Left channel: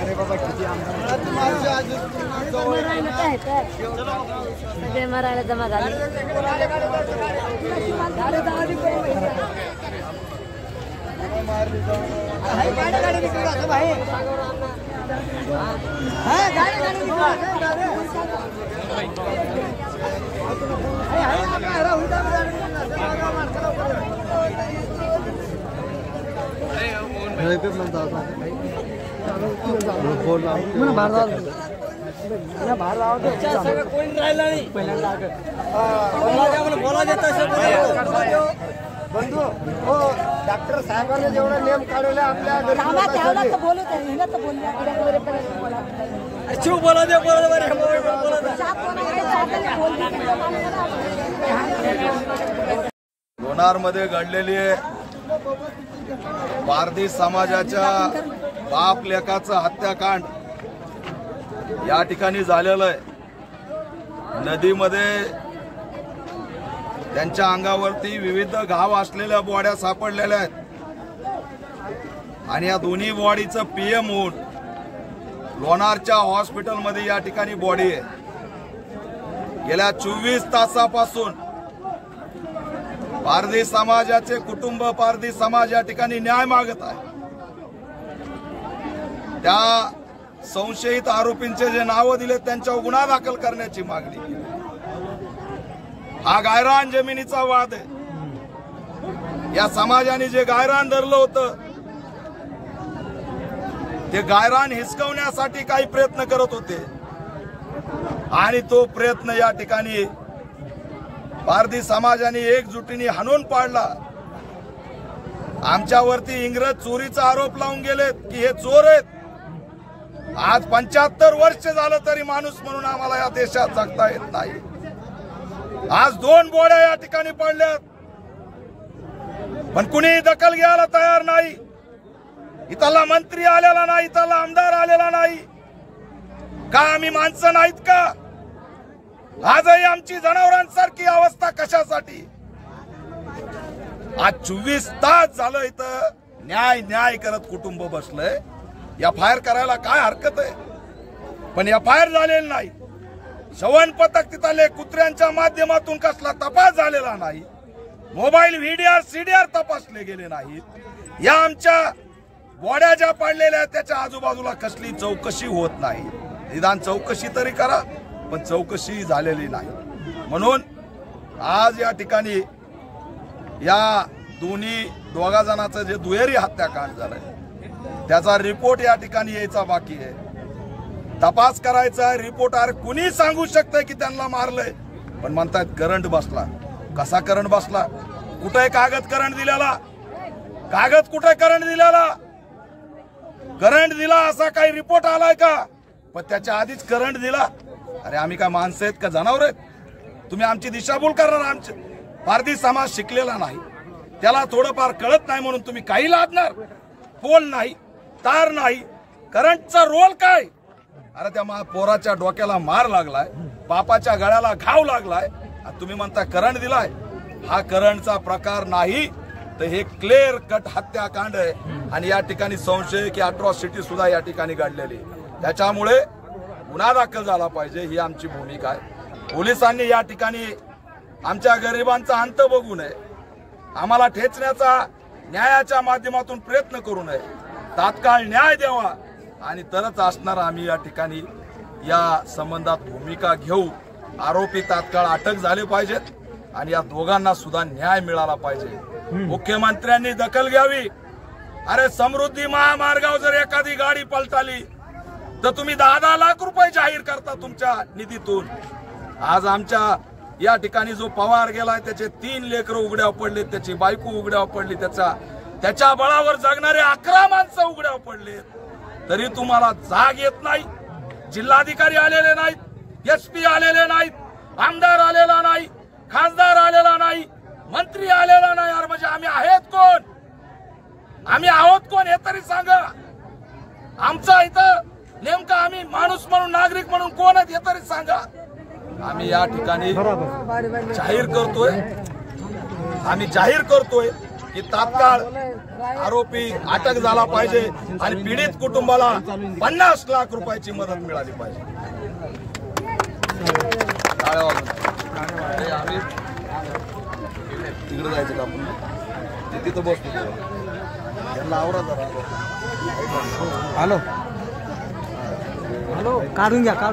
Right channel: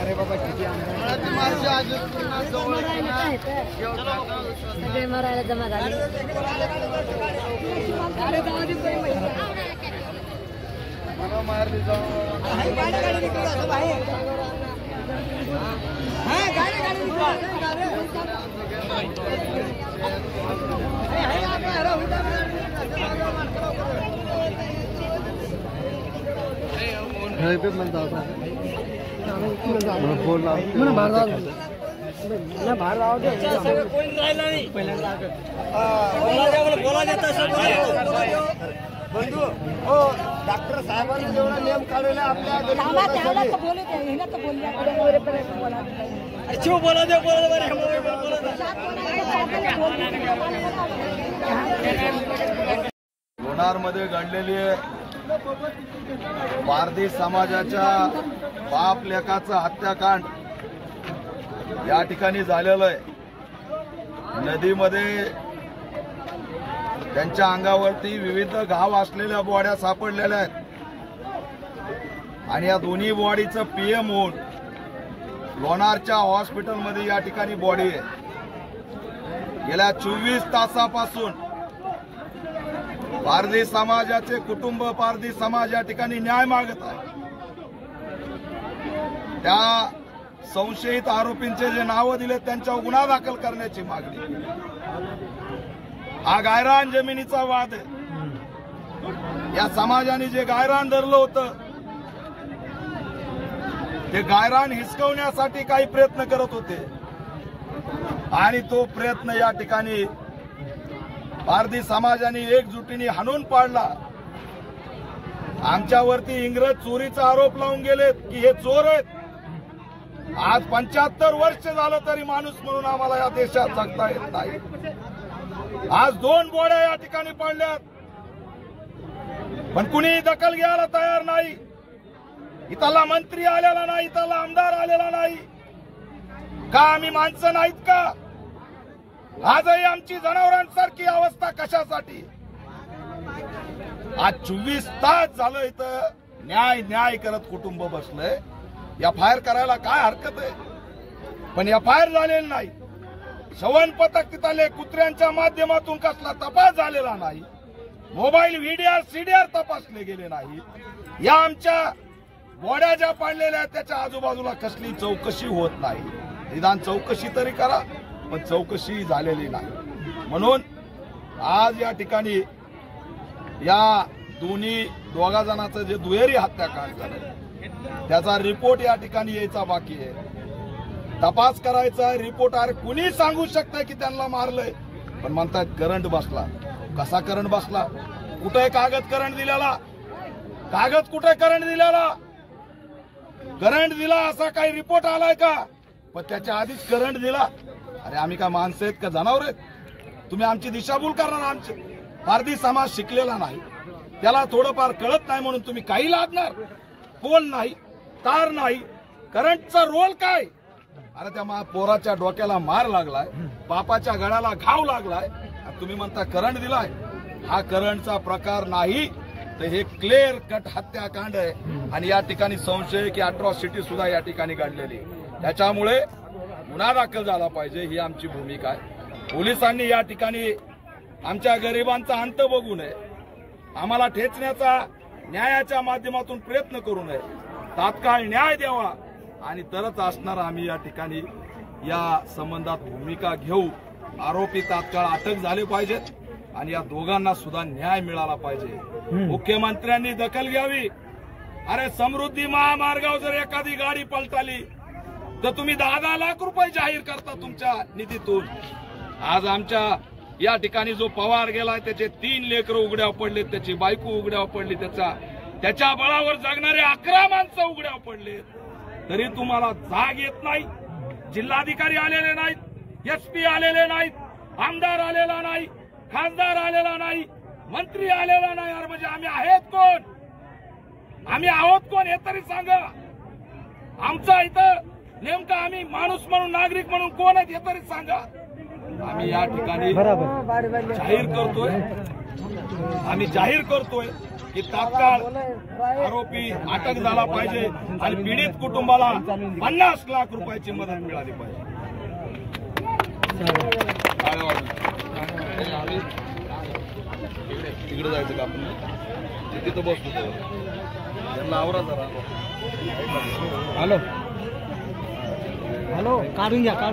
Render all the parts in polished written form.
अरे बाबा किती सगळे मरायला जमा झाले. मारली डॉक्टर साहेबांनी जेवढा नियम काढला आपल्या बोलू हिला तर बोलले लोणारमध्ये घडलेली पारधी समाजाच्या बाप लेकाचं हत्याकांड या ठिकाणी झालेलं आहे. नदीमध्ये त्यांच्या अंगावरती विविध घाव असलेल्या बॉड्या सापडलेल्या आहेत आणि या दोन्ही बॉडीचं पीएम होऊन लोणारच्या हॉस्पिटलमध्ये या ठिकाणी बॉडी आहे. गेल्या 24 तासापासून पारधी समाजाचे कुटुंब, पारधी समाज या ठिकाणी न्याय मागत आहे. त्या संशयित आरोपींचे जे नावं दिले त्यांच्यावर गुन्हा दाखल करण्याची मागणी. हा गायरान जमिनीचा वाद आहे. या समाजाने जे गायरान धरलं होतं ते गायरान हिसकवण्यासाठी काही प्रयत्न करत होते आणि तो प्रयत्न या ठिकाणी पारधी समाजाने एकजुटीने हाणून पाडला. आमच्यावरती इंग्रज चोरीचा आरोप लावून गेलेत की हे चोर आहेत. आज 75 वर्ष झालं तरी माणूस म्हणून आम्हाला या देशात जगता येत नाही. आज 2 बोड्या या ठिकाणी पडल्यात पण कुणी दखल घ्यायला तयार नाही. इथला मंत्री आलेला नाही, इथला आमदार आलेला नाही. का आम्ही माणसं नाहीत का? आजही आमची जनावरांसारखी अवस्था कशासाठी? आज 24 तास झालं इथं न्याय न्याय करत कुटुंब बसलंय. एफआयआर करायला काय हरकत आहे? पण एफआयआर झालेली नाही. श्रवण पथक तिथले कुत्र्यांच्या माध्यमातून कसला तपास झालेला नाही. मोबाईल व्हीडीआर सीडीआर तपासले गेले नाहीत. या आमच्या बॉड्या ज्या पाडलेल्या त्याच्या आजूबाजूला कसली चौकशी होत नाही. निदान चौकशी तरी करा, पण चौकशी झालेली नाही. म्हणून आज या ठिकाणी या दोघा जणांचं जे दुहेरी हत्याकांड झालंय त्याचा रिपोर्ट या ठिकाणी यायचा बाकी आहे. तपास करायचा रिपोर्ट. अरे कुणी सांगू शकतंय की त्यांना मारलंय? पण म्हणतात करंट बसला. कसा करंट बसला? कुठे कागद करंट दिलेला? कागद कुठे करंट दिलेला? करंट दिला असा काही रिपोर्ट आलाय का? पण त्याच्या आधीच करंट दिला. अरे आम्ही काय माणसं आहेत का जनावर आहेत? तुम्ही आमची दिशाभूल करणार. आमचे पारधी समाज शिकलेला नाही, त्याला थोडंफार कळत नाही म्हणून तुम्ही काही लादणार? पोल नाही, तार नाही, करंटचा रोल काय? अरे त्या पोराच्या डोक्याला मार लागलाय, बापाच्या गळ्याला घाव लागलाय, तुम्ही म्हणता करंट दिलाय. हा करंटचा प्रकार नाही, तर हे क्लिअर कट हत्याकांड आहे आणि या ठिकाणी संशय की अट्रॉसिटी सुद्धा या ठिकाणी घडलेली. त्याच्यामुळे गुन्हा दाखल झाला पाहिजे ही आमची भूमिका आहे. पोलिसांनी या ठिकाणी आमच्या गरिबांचा अंत बघू नये, आम्हाला ठेचण्याचा न्यायाच्या माध्यमातून प्रयत्न करू नये. तात्काळ न्याय द्यावा आणि तरच असणार आम्ही या ठिकाणी या संबंधात भूमिका घेऊ. आरोपी तात्काळ अटक झाले पाहिजेत आणि या दोघांना सुद्धा न्याय मिळाला पाहिजे. मुख्यमंत्र्यांनी दखल घ्यावी. अरे समृद्धी महामार्गावर जर एखादी गाडी पलटाली तर तुम्ही 10-10 लाख रुपये जाहीर करता तुमच्या निधीतून. आज आमच्या या ठिकाणी जो पवार गेलाय त्याचे 3 लेकरं उघड्यावर पडलेत, त्याची बायको उघड्यावर पडली, त्याच्या बळावर जगणारे 11 माणसं उघड्यावर पडलेत, तरी तुम्हाला जाग येत नाही. जिल्हाधिकारी आलेले नाहीत, एसपी आलेले नाहीत, आमदार आलेला नाही, खासदार आलेला नाही, मंत्री आलेला नाही. अरे म्हणजे आम्ही आहेत कोण? आम्ही आहोत कोण हे तरी सांगा. आमचा इथं नेमका आम्ही माणूस म्हणून, नागरिक म्हणून कोण आहेत हे तरी सांगा. आम्ही या ठिकाणी जाहीर करतोय आम्ही जाहीर करतोय की तात्काळ आरोपी अटक झाला पाहिजे आणि पीडित कुटुंबाला 50 लाख रुपयाची मदत मिळाली पाहिजे. तिकडे जायचं का आपण तिथं बसतो त्यांना आवरा जरा. हॅलो हॅलो काढून घ्या काय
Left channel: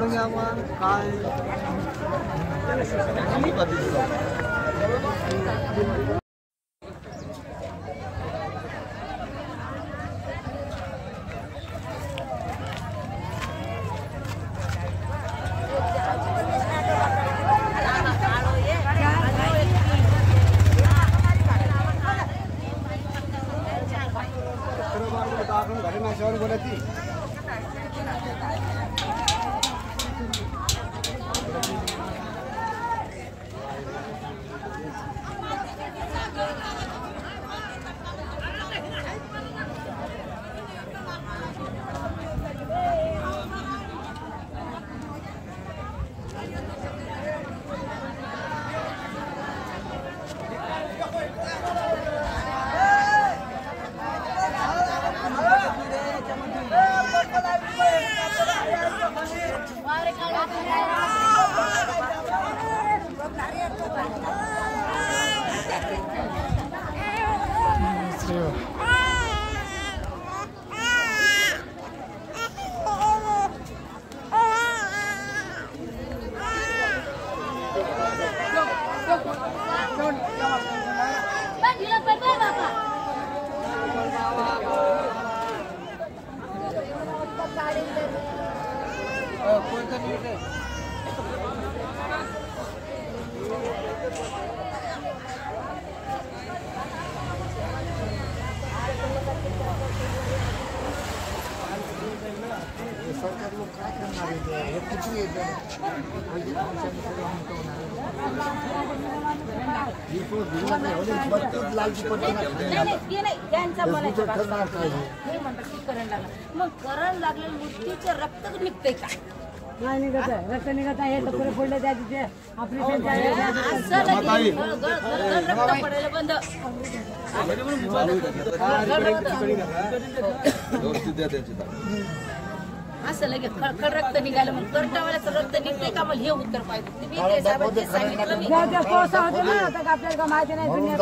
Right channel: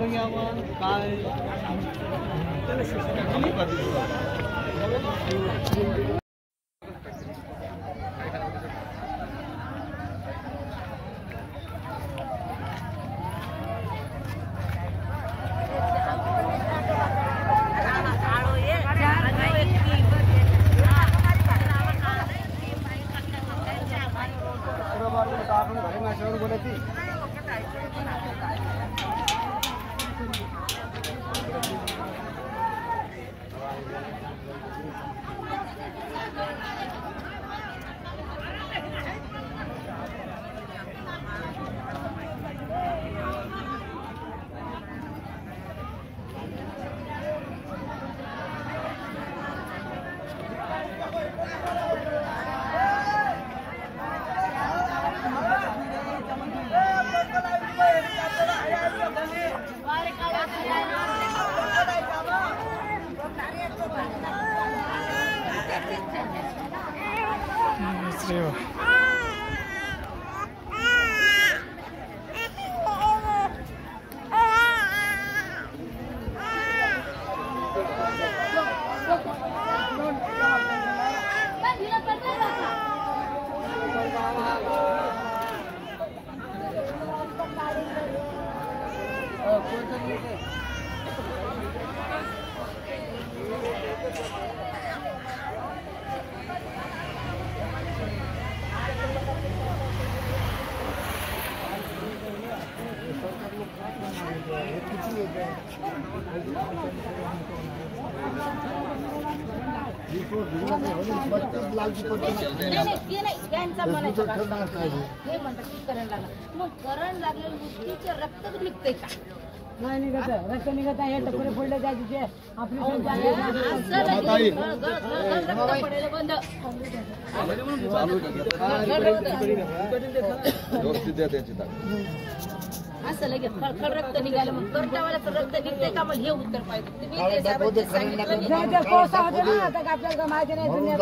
मग करण लागलेलं मृत्यूचं रक्त निघतंय का? नाही निघत आहे, रक्त निघत आहे. टोपरे फोडले त्या तिथे ऑपरेशन रक्त पडायला बंद. असं लगेच खळखळ रक्त निघालं. मग कर्टावाल्याचं रक्त निघतंय का? मग हे उत्तर पाहिजे. तुम्ही ते साहेबांनी सांगितलं मी. कोळसा होते ना, आता आपल्याला माहिती नाही दुनियात.